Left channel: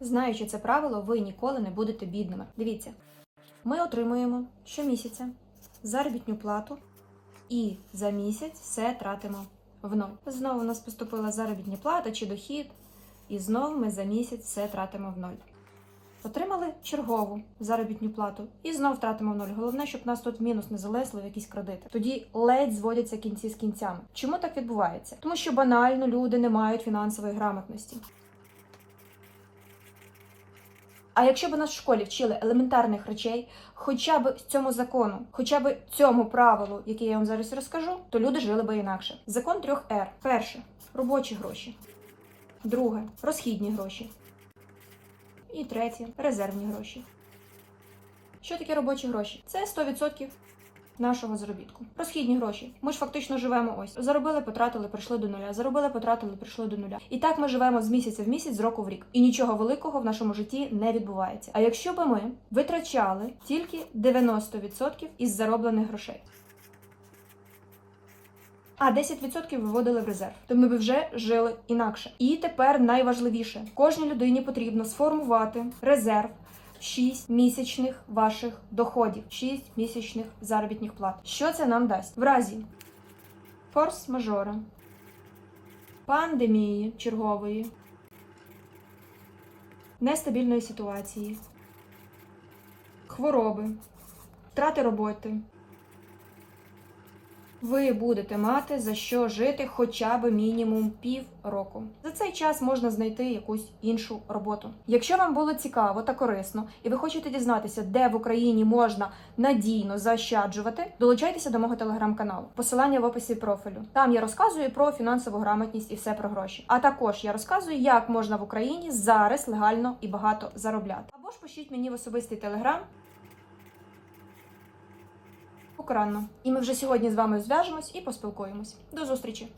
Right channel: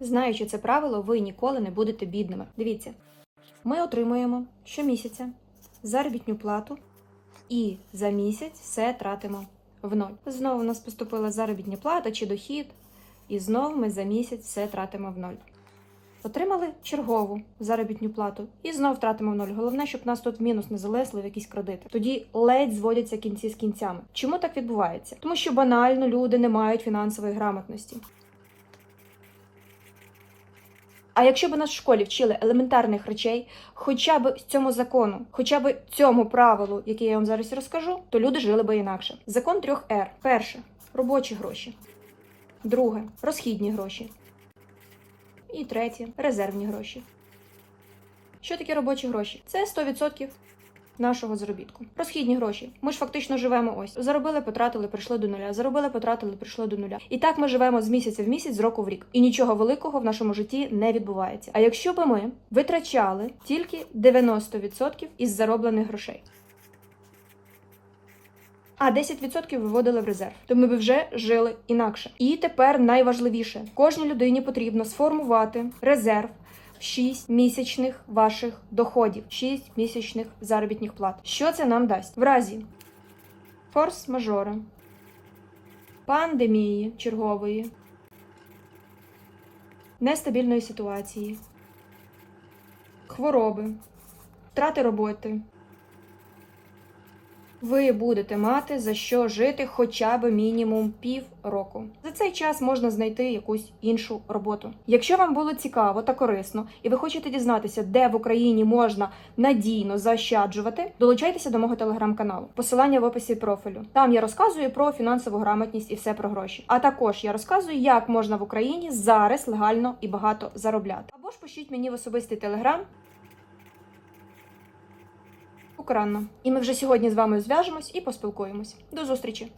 Знаючи це правило, ви ніколи не будете бідними. Дивіться, ми отримуємо щомісяця заробітну плату і за місяць все тратимо в ноль. Знову у нас поступила заробітна плата чи дохід, і знову ми за місяць все тратимо в ноль. Отримали чергову заробітну плату і знов втратимо в ноль. Головне, щоб нас тут мінус не залезли в якісь кредити. Тоді ледь зводяться кінці з кінцями. Чому так відбувається? Тому що банально люди не мають фінансової грамотності. А якщо б нас в школі вчили елементарних речей, хоча б цьому закону, хоча б цьому правилу, яке я вам зараз розкажу, то люди жили би інакше. Закон трьох Р. Перше робочі гроші. Друге розхідні гроші. І третє резервні гроші. Що таке робочі гроші? Це 100% нашого заробітку. Розхідні гроші. Ми ж фактично живемо ось. Заробили, потратили, прийшли до нуля. Заробили, потратили, прийшло до нуля. І так ми живемо з місяця в місяць, з року в рік. І нічого великого в нашому житті не відбувається. А якщо б ми витрачали тільки 90% із зароблених грошей. А 10% виводили в резерв, то ми б вже жили інакше. І тепер найважливіше: кожній людині потрібно сформувати резерв 6 місячних ваших доходів, 6 місячних заробітних плат. Що це нам дасть? В разі форс-мажора, пандемії чергової, нестабільної ситуації, хвороби, втрати роботи. Ви будете мати за що жити хоча б мінімум пів року. За цей час можна знайти якусь іншу роботу. Якщо вам було цікаво та корисно, і ви хочете дізнатися, де в Україні можна надійно заощаджувати, долучайтеся до мого телеграм-каналу. Посилання в описі профілю. Там я розказую про фінансову грамотність і все про гроші. А також я розказую, як можна в Україні зараз легально і багато заробляти. Або ж пишіть мені в особистий телеграм. Україна. І ми вже сьогодні з вами зв'яжемось і поспілкуємось. До зустрічі!